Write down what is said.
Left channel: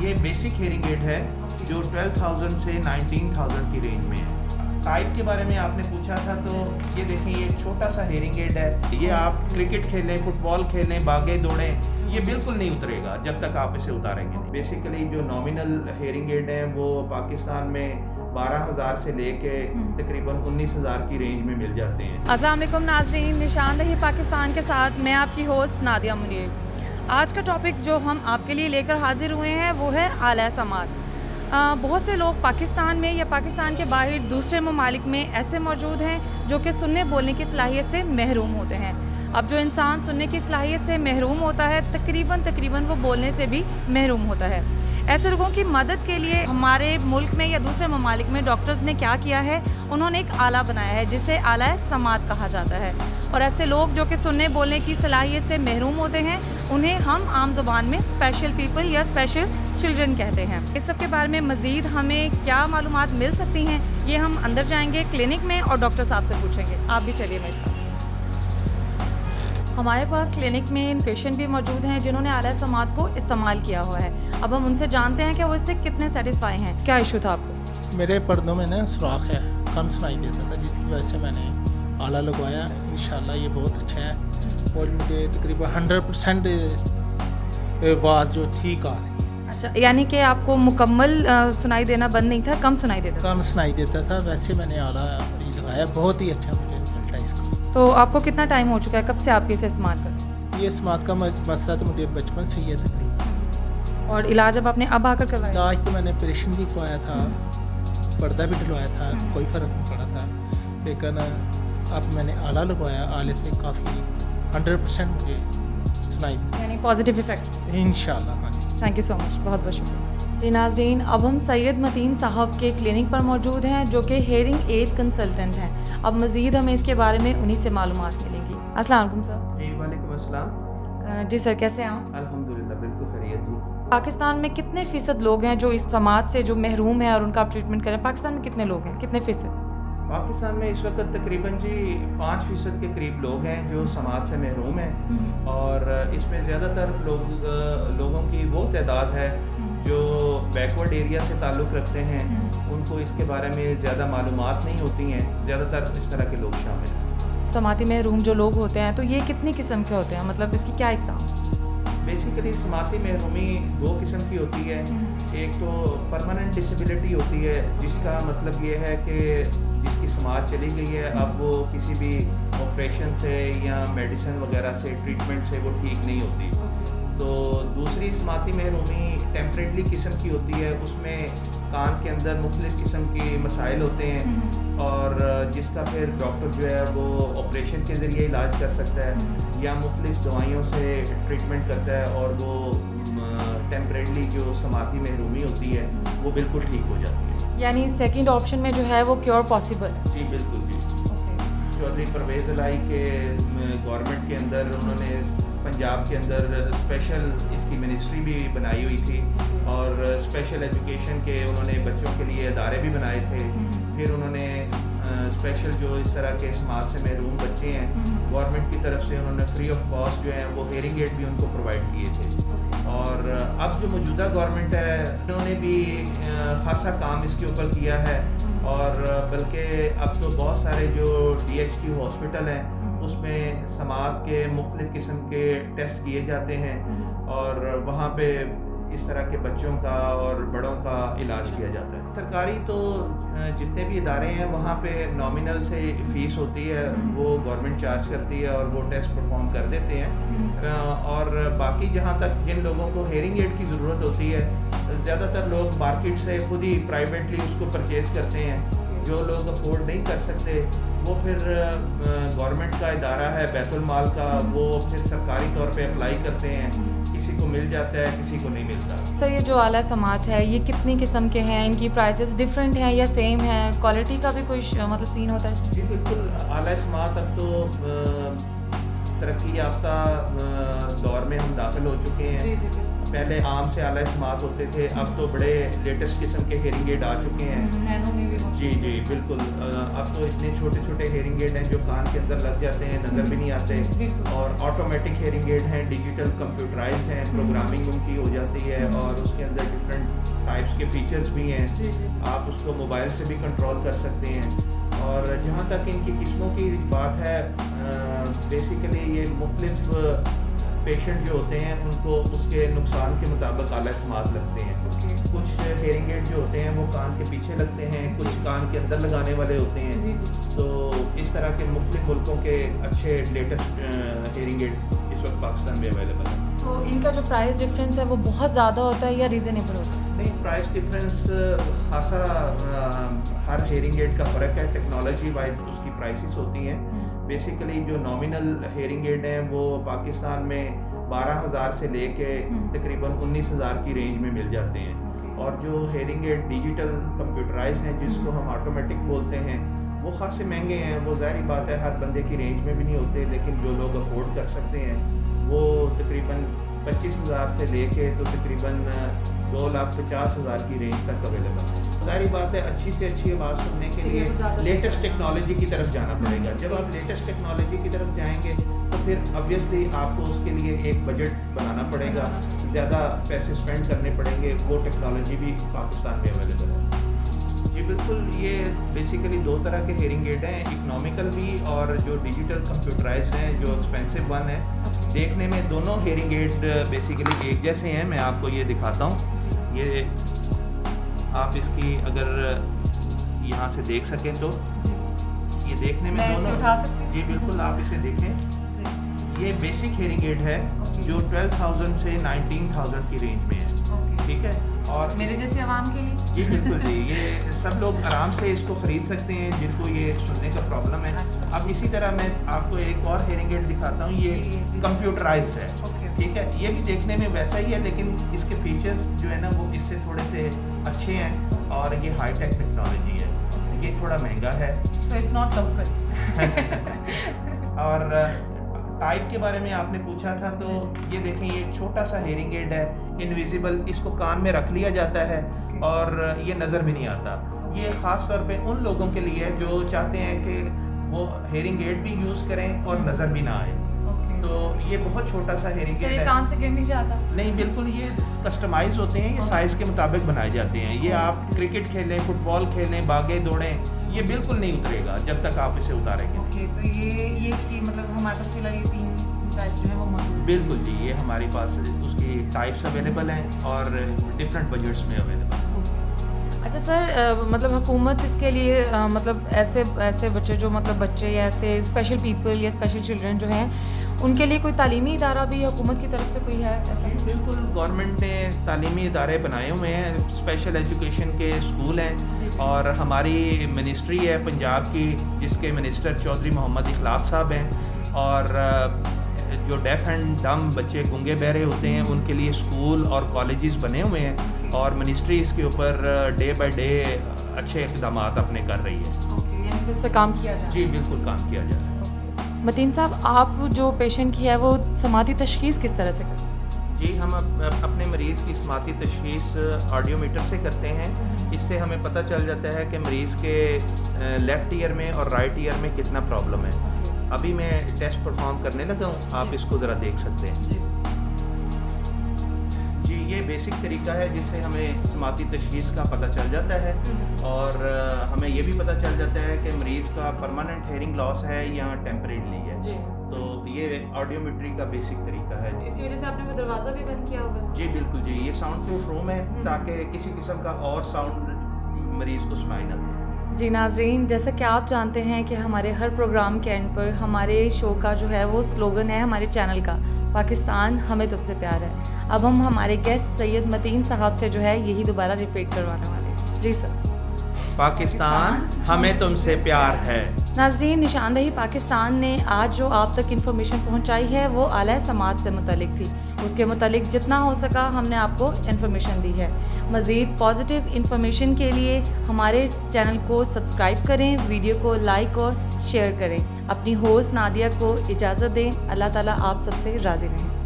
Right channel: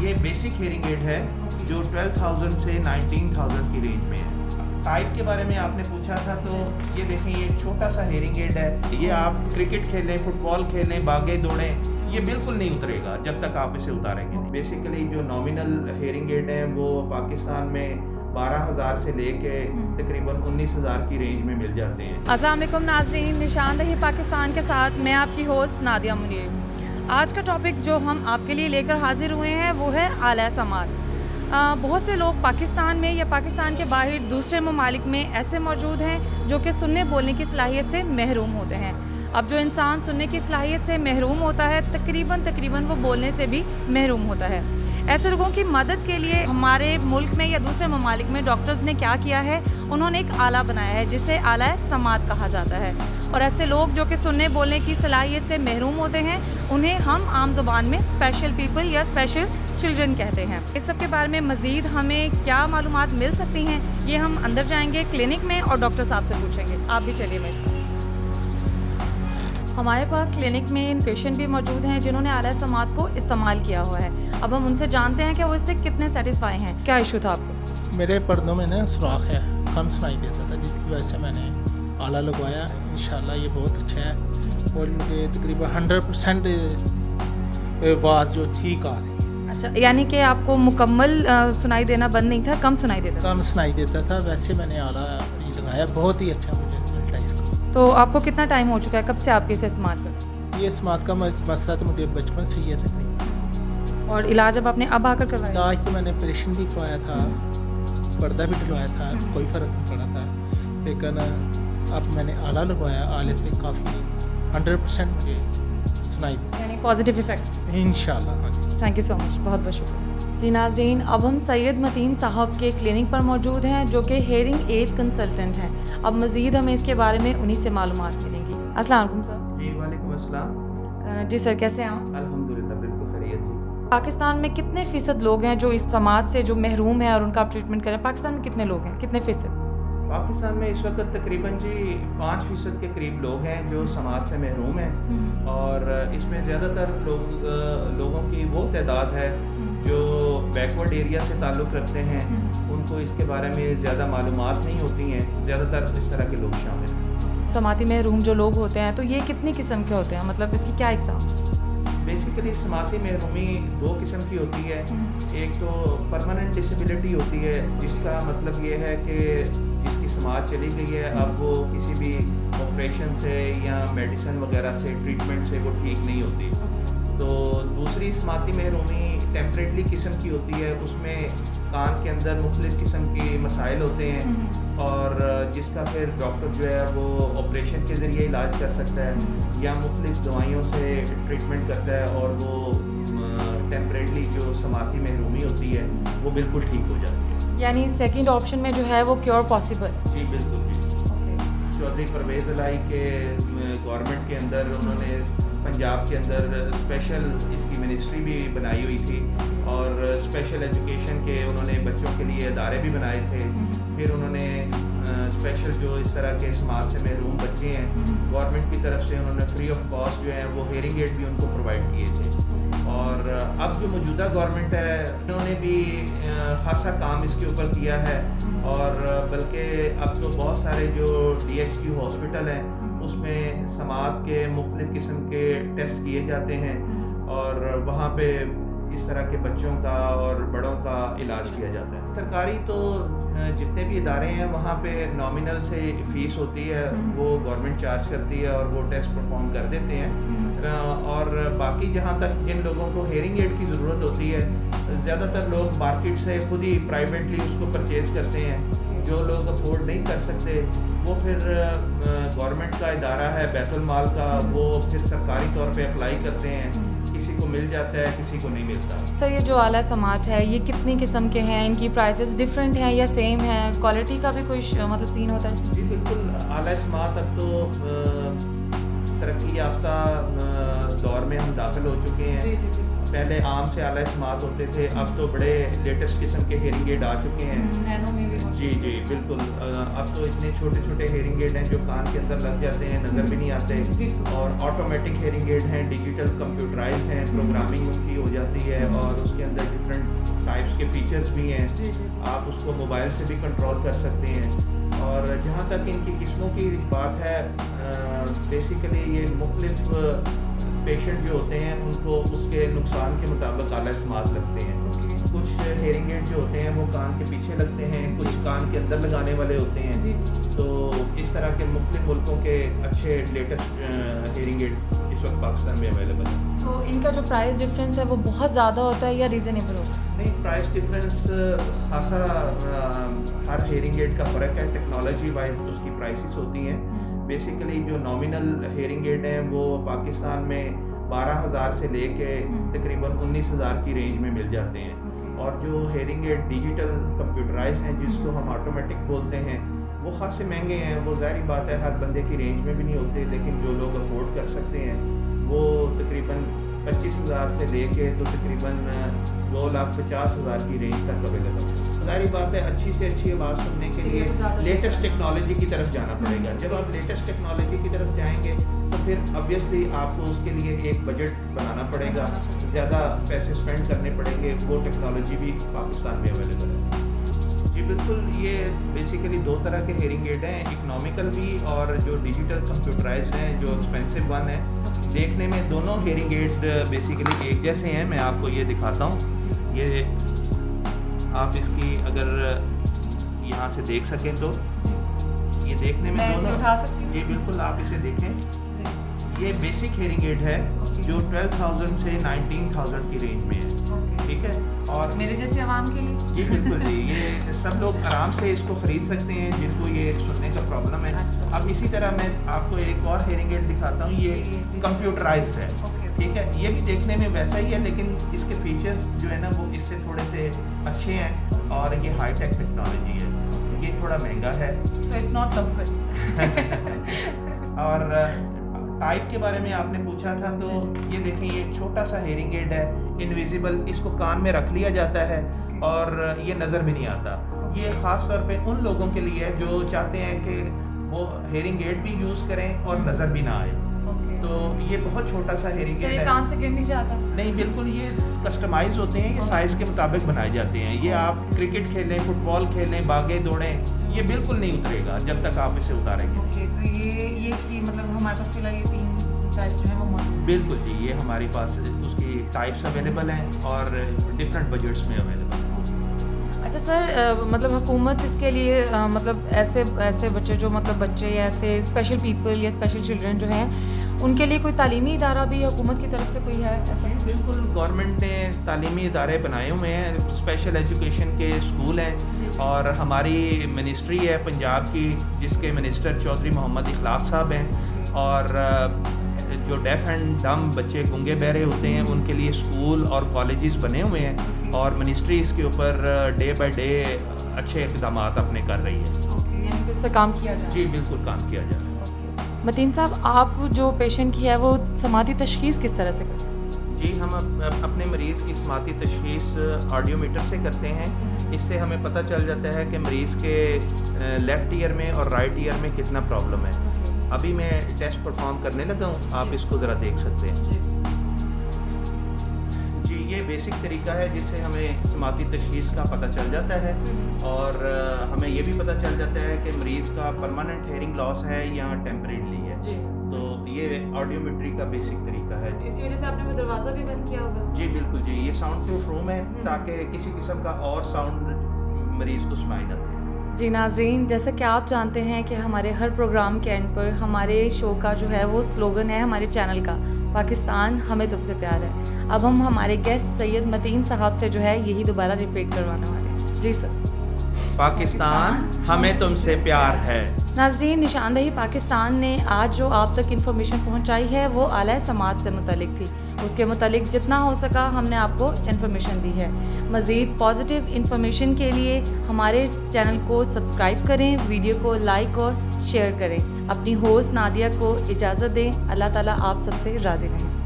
ये basic hearing aid है जो 12,000 से 19,000 की रेंज में है। टाइप के बारे में आपने पूछा था, तो ये देखें, ये छोटा सा हेयरिंग एड है। ये आप क्रिकेट खेलें, फुटबॉल खेलें, भागें दौड़ें, ये बिल्कुल नहीं उतरेगा जब तक आप इसे उतारेंगे नहीं। बेसिकली जो नॉमिनल हेयरिंग एड हैं वो पाकिस्तान में 12,000 से लेके तकरीबन 19,000 की रेंज में मिल जाते हैं। अस्सलाम वालेकुम नाज़रीन, निशानदही पाकिस्तान के साथ मैं आपकी होस्ट नादिया मुनीर। आज का टॉपिक जो हम आपके लिए लेकर हाजिर हुए हैं वो है आला समात। बहुत से लोग पाकिस्तान में या पाकिस्तान के बाहर दूसरे ममालिक में ऐसे मौजूद हैं जो कि सुनने बोलने की सलाहियत से महरूम होते हैं। अब जो इंसान सुनने की सलाहियत से महरूम होता है तकरीबन वो बोलने से भी महरूम होता है। ऐसे लोगों की मदद के लिए हमारे मुल्क में या दूसरे ममालिक में डॉक्टर्स ने क्या किया है, उन्होंने एक आला बनाया है जिसे आला समात कहा जाता है। और ऐसे लोग जो कि सुनने बोलने की सलाहियत से महरूम होते हैं उन्हें हम आम ज़ुबान में स्पेशल पीपल या स्पेशल चिल्ड्रन कहते हैं। इस सब के बारे में मज़ीद हमें क्या मालूमात मिल सकती हैं, ये हम अंदर जाएंगे क्लिनिक में और डॉक्टर साहब से पूछेंगे। आप भी चलिए मेरे साथ। हमारे पास क्लिनिक में पेशेंट भी मौजूद हैं जिन्होंने आला समात को इस्तेमाल किया हुआ है। अब हम उनसे जानते हैं कि वो इससे कितने सेटिस्फाई हैं। क्या इशू था आपको? मेरे पर्दों में ना सुराख है, कम सुनाई देता था, जिसकी वजह से मैंने आला लगवाया। इंशाल्लाह ये बहुत अच्छा है और मुझे तकरीबन 100% आवाज़ जो ठीक आ रही है। अच्छा, यानी कि आपको मुकम्मल सुनाई देना बंद नहीं था, कम सुनाई देता था? कम सुनाई देता था। वैसे मैंने आला लगाया, बहुत ही अच्छा मुझे रिजल्ट है इसका। तो आपको कितना टाइम हो चुका है, कब से आप इसे इस्तेमाल कर रहे हैं? ये इस्तेमाल का मसला तो मुझे बचपन से ही है तकरीबन। और इलाज अब आकर करवाया? इलाज तो मैंने ऑपरेशन भी करवाया था, पर्दा भी डलवाया था, कोई फ़र्क नहीं पड़ा था। लेकिन अब मैंने आला लगवाया, आले से काफ़ी 100% मुझे सुनाई दी, यानी पॉजिटिव इफेक्ट इंशाल्लाह। हाँ जी, थैंक यू सो मच, बहुत बहुत शुक्रिया जी। नाज़रीन, अब हम सैयद मतीन साहब के क्लिनिक पर मौजूद हैं जो कि हेयरिंग एड कंसल्टेंट हैं। अब मज़ीद हमें इसके बारे में उन्हीं से मालूमात मिलेंगी। अस्सलाम वालेकुम सर। जी वालेकुम अस्सलाम। जी सर, कैसे हैं आप? अल्हम्दुलिल्लाह बिल्कुल खैरियत जी। पाकिस्तान में कितने फ़ीसद लोग हैं जो इस समाज से जो महरूम है और उनका ट्रीटमेंट करें? पाकिस्तान में कितने लोग हैं, कितने फ़ीसद? पाकिस्तान में इस वक्त तकरीबन जी 5% के करीब लोग हैं जो समाज से महरूम हैं और इसमें ज़्यादातर लोगों की वो तादाद है जो बैकवर्ड एरिया से ताल्लुक़ रखते हैं। उनको इसके बारे में ज़्यादा मालूमात नहीं होती हैं। ज़्यादातर इस तरह के लोग शामिल हैं। समाती महरूम जो लोग होते हैं तो ये कितनी किस्म के होते हैं, मतलब इसकी क्या एग्ज़ाम? बेसिकली समाती महरूमी 2 किस्म की होती है। एक तो परमानेंट डिसेबिलिटी होती है, जिसका मतलब ये है कि जिसकी समाज चली गई है, अब वो किसी भी ऑपरेशन से या मेडिसिन वगैरह से ट्रीटमेंट से वो ठीक नहीं होती। तो दूसरी समाती महरूमी टेम्परेरी किस्म की होती है, उसमें कान के अंदर मुख्तलिफ़ किस्म के मसाइल होते हैं और जिसका फिर डॉक्टर जो है वो ऑपरेशन के ज़रिए इलाज कर सकता है या मुख्तलिफ़ दवाइयों से ट्रीटमेंट करता है और वो टेम्परेरी जो समाती महरूमी होती है वो बिल्कुल ठीक हो जाती है। यानी सेकंड ऑप्शन में जो है वो क्योर पॉसिबल? जी बिल्कुल जी। चौधरी परवेज़ इलाही के गवर्नमेंट के अंदर उन्होंने पंजाब के अंदर स्पेशल इसकी मिनिस्ट्री भी बनाई हुई थी और स्पेशल एजुकेशन के उन्होंने बच्चों के लिए अदारे भी बनाए थे। फिर उन्होंने स्पेशल जो इस तरह के समाज से महरूम बच्चे हैं, गवर्नमेंट की तरफ से उन्होंने फ्री ऑफ कॉस्ट जो है वो हेयरिंग एड भी उनको प्रोवाइड किए थे। और अब जो मौजूदा गवर्नमेंट है उन्होंने भी खासा काम इसके ऊपर किया है और बल्कि अब तो बहुत सारे जो DHQ हॉस्पिटल हैं उसमें समात के मुख्तलिफ़ किस्म के टेस्ट किए जाते हैं और वहाँ पे इस तरह के बच्चों का और बड़ों का इलाज किया जाता है। सरकारी तो जितने भी इदारे हैं वहाँ पे नॉमिनल से फ़ीस होती है, वो गवर्नमेंट चार्ज करती है और वो टेस्ट परफॉर्म कर देते हैं। और बाकी जहाँ तक जिन लोगों को हेयरिंग एड की ज़रूरत होती है, ज़्यादातर लोग मार्केट से खुद ही प्राइवेटली उसको परचेज़ करते हैं। जो लोग अफोर्ड नहीं कर सकते वो फिर गवर्नमेंट का इदारा है बैतुल माल का, वो फिर सरकारी तौर पे अप्लाई करते हैं। किसी को मिल जाता है, किसी को नहीं मिलता। सर, ये जो आला समात है ये कितनी किस्म के हैं, इनकी प्राइसेस डिफरेंट हैं या सेम हैं, क्वालिटी का भी कोई मतलब सीन होता है? जी बिल्कुल, आला समात अब तो तरक्की याफ्ता दौर में हम दाखिल हो चुके हैं। पहले आम से आला समात होते थे, अब तो बड़े लेटेस्ट किस्म के हेयरिंग एड आ चुके हैं। नैनो में भी जी जी बिल्कुल। अब तो इतने छोटे छोटे हेयरिंग एड हैं जो कान के अंदर लग जाते हैं, नज़र भी नहीं आते और ऑटोमेटिक हेयरिंग एड हैं, डिजिटल कंप्यूटराइज्ड हैं, प्रोग्रामिंग उनकी हो जाती है और उसके अंदर डिफरेंट उसके फीचर्स भी हैं, जी जी आप उसको मोबाइल से भी कंट्रोल कर सकते हैं। और जहाँ तक इनकी किस्मों की बात है, बेसिकली ये मुख्तलिफ पेशेंट जो होते हैं उनको उसके नुकसान के मुताबिक आला समात लगते हैं। ओके कुछ हेयरिंग एड जो होते हैं वो कान के पीछे लगते हैं, कुछ कान के अंदर लगाने वाले होते हैं। जी जी तो इस तरह के मुख्तलिफ मुल्कों के अच्छे लेटेस्ट हेयरिंग एड इस वक्त पाकिस्तान में अवेलेबल है। तो इनका जो प्राइस डिफरेंस है वो बहुत ज़्यादा होता है या रीज़नेबल होता है? नहीं, प्राइस डिफरेंस खासा हर हेयरिंग एड का फ़र्क है, टेक्नोलॉजी वाइज उसकी प्राइसेस होती हैं। बेसिकली जो नॉमिनल हेयरिंग एड हैं वो पाकिस्तान में 12,000 से लेके तकरीबन 19,000 की रेंज में मिल जाते हैं। और जो हेयरिंग एड डिजिटल कंप्यूटराइज हैं जिसको हम ऑटोमेटिक बोलते हैं, वो खासे महंगे हैं। वो ज़ाहिर बात है हर बंदे की रेंज में भी नहीं होते, लेकिन जो लोग अफोर्ड कर सकते हैं वो तकरीबन 25,000 से लेके तो तकरीबन 2,50,000 की रेंज तक अवेलेबल है। ज़ाहिर बात है अच्छी से अच्छी आवाज़ सुनने के लिए लेटेस्ट टेक्नोलॉजी की तरफ जाना पड़ेगा। जब आप लेटेस्ट टेक्नोलॉजी की तरफ जाएंगे तो फिर ऑब्वियसली आपको उसके लिए एक बजट बनाना पड़ेगा, ज़्यादा पैसे स्पेंड करने पड़ेंगे। वो टेक्नोलॉजी भी पाकिस्तान में अवेलेबल है। जी बिल्कुल, ये बेसिकली दो तरह के हेयरिंग एड हैं, इकोनॉमिकल भी और जो डिजिटल कंप्यूटराइज्ड हैं जो एक्सपेंसिव वन है। देखने में दोनों हेयरिंग एड बेसिकली एक जैसे हैं। मैं आपको ये दिखाता हूँ। ये आप इसकी अगर यहाँ से देख सकें तो ये देखने में दोनों, उठा सकती हूँ? जी बिल्कुल, आप इसे देखें। ये बेसिक हेयरिंग एड है जो 12,000 से 19,000 की रेंज में है, ठीक है। और मेरे जैसे आवाम के लिए? जी बिल्कुल जी, ये सब लोग आराम से इसको ख़रीद सकते हैं जिनको ये सुनने का प्रॉब्लम है। अच्छा। अब इसी तरह मैं आपको एक और हेयरिंग एड दिखाता हूँ। ये कंप्यूटराइज्ड है, ठीक है। ये भी देखने में वैसा ही है, लेकिन इसके फीचर्स जो है ना वो इससे थोड़े से अच्छे हैं और ये हाईटेक टेक्नोलॉजी है। ये थोड़ा महंगा है। So it's not local. और टाइप के बारे में आपने पूछा था, तो ये देखें, ये एक छोटा सा हेयरिंग एड है, इनविजिबल। इसको कान में रख लिया जाता है और ये नज़र भी नहीं आता। ये ख़ास तौर पे उन लोगों के लिए है जो चाहते हैं कि वो हेयरिंग एड भी यूज़ करें और नज़र भी ना आए। तो ये बहुत छोटा सा हेयरिंग एड है। कान से गिर नहीं जाता? नहीं, बिल्कुल, ये कस्टमाइज होते हैं, ये साइज़ के मुताबिक बनाए जाते हैं। ये आप क्रिकेट खेलें, फुटबॉल खेलें, भागें दौड़ें, ये बिल्कुल नहीं उतरेगा जब तक आप इसे उतारेंगे। ओके, तो ये कि मतलब हमारे पास फिलहाल ये 3 टाइप जो है वो मौजूद है? बिल्कुल जी, ये हमारे पास उसकी टाइप्स अवेलेबल हैं और डिफरेंट बजट्स में अवेलेबल हैं। अच्छा सर, मतलब हुकूमत इसके लिए मतलब ऐसे बच्चे जो मतलब बच्चे या ऐसे स्पेशल पीपल या स्पेशल चिल्ड्रन जो हैं उनके लिए कोई तालीमी इदारा भी हुकूमत की तरफ से कोई है ऐसा? बिल्कुल, गवर्नमेंट ने तालीमी इदारे बनाए हुए हैं, स्पेशल एजुकेशन के स्कूल हैं। और हमारी मिनिस्ट्री है पंजाब की, जिसके मिनिस्टर चौधरी मोहम्मद इखलाक साहब हैं। और जो डेफ एंड डम बच्चे, गूंगे बहरे होते हैं, उनके लिए स्कूल और कॉलेजेस बने हुए हैं और मिनिस्ट्री इसके ऊपर डे बाय डे अच्छे इक़दाम अपने कर रही है। यानी इस पर काम किया जा रहा है? जी बिल्कुल, काम किया जा रहा है। मतीन साहब, आप जो पेशेंट की है वो समाती तशख़ीस किस तरह से करते हैं? जी, हम अपने मरीज़ की समाती तशख़ीस ऑडियोमीटर से करते हैं। इससे हमें पता चल जाता है कि मरीज़ के लेफ़्ट ईयर में और राइट ईयर में कितना प्रॉब्लम है। अभी मैं टेस्ट परफॉर्म करने लगा हूँ, आप इसको ज़रा देख सकते हैं। जी, ये बेसिक तरीका है जिससे हमें समाती तशख़ीस का पता चल जाता है। और हमें ये भी पता चल जाता है कि मरीज़ का परमानेंट हेयरिंग लॉस है या टेम्परेरीली है। तो ये ऑडियोमेट्री का बेसिक तरीका है। इसी वजह से आपने वो दरवाज़ा भी बंद किया होगा? जी बिल्कुल जी, ये साउंड प्रूफ रूम है ताकि किसी किस्म का और साउंड मरीज़ को सुनाई ना दे। जी नाज़रीन, जैसा कि आप जानते हैं कि हमारे हर प्रोग्राम के एंड पर हमारे शो का जो है वो स्लोगन है हमारे चैनल का, पाकिस्तान हमें तुमसे प्यार है। अब हम हमारे गेस्ट सैयद मतीन साहब से जो है यही दोबारा रिपीट करवाने वाले हैं। जी सर। पाकिस्तान हमें तुमसे प्यार है। नाज़रीन, निशानदेही पाकिस्तान ने आज जो आप तक इन्फॉर्मेशन पहुंचाई है वो आला समात से मुतालिक थी। उसके मुतालिक जितना हो सका हमने आपको इन्फॉर्मेशन दी है। मज़ीद पॉजिटिव इन्फॉर्मेशन के लिए हमारे चैनल को सब्सक्राइब करें, वीडियो को लाइक और शेयर करें। अपनी होस्ट नादिया को इजाज़त दें। अल्लाह ताला आप सबसे राज़ी रहें।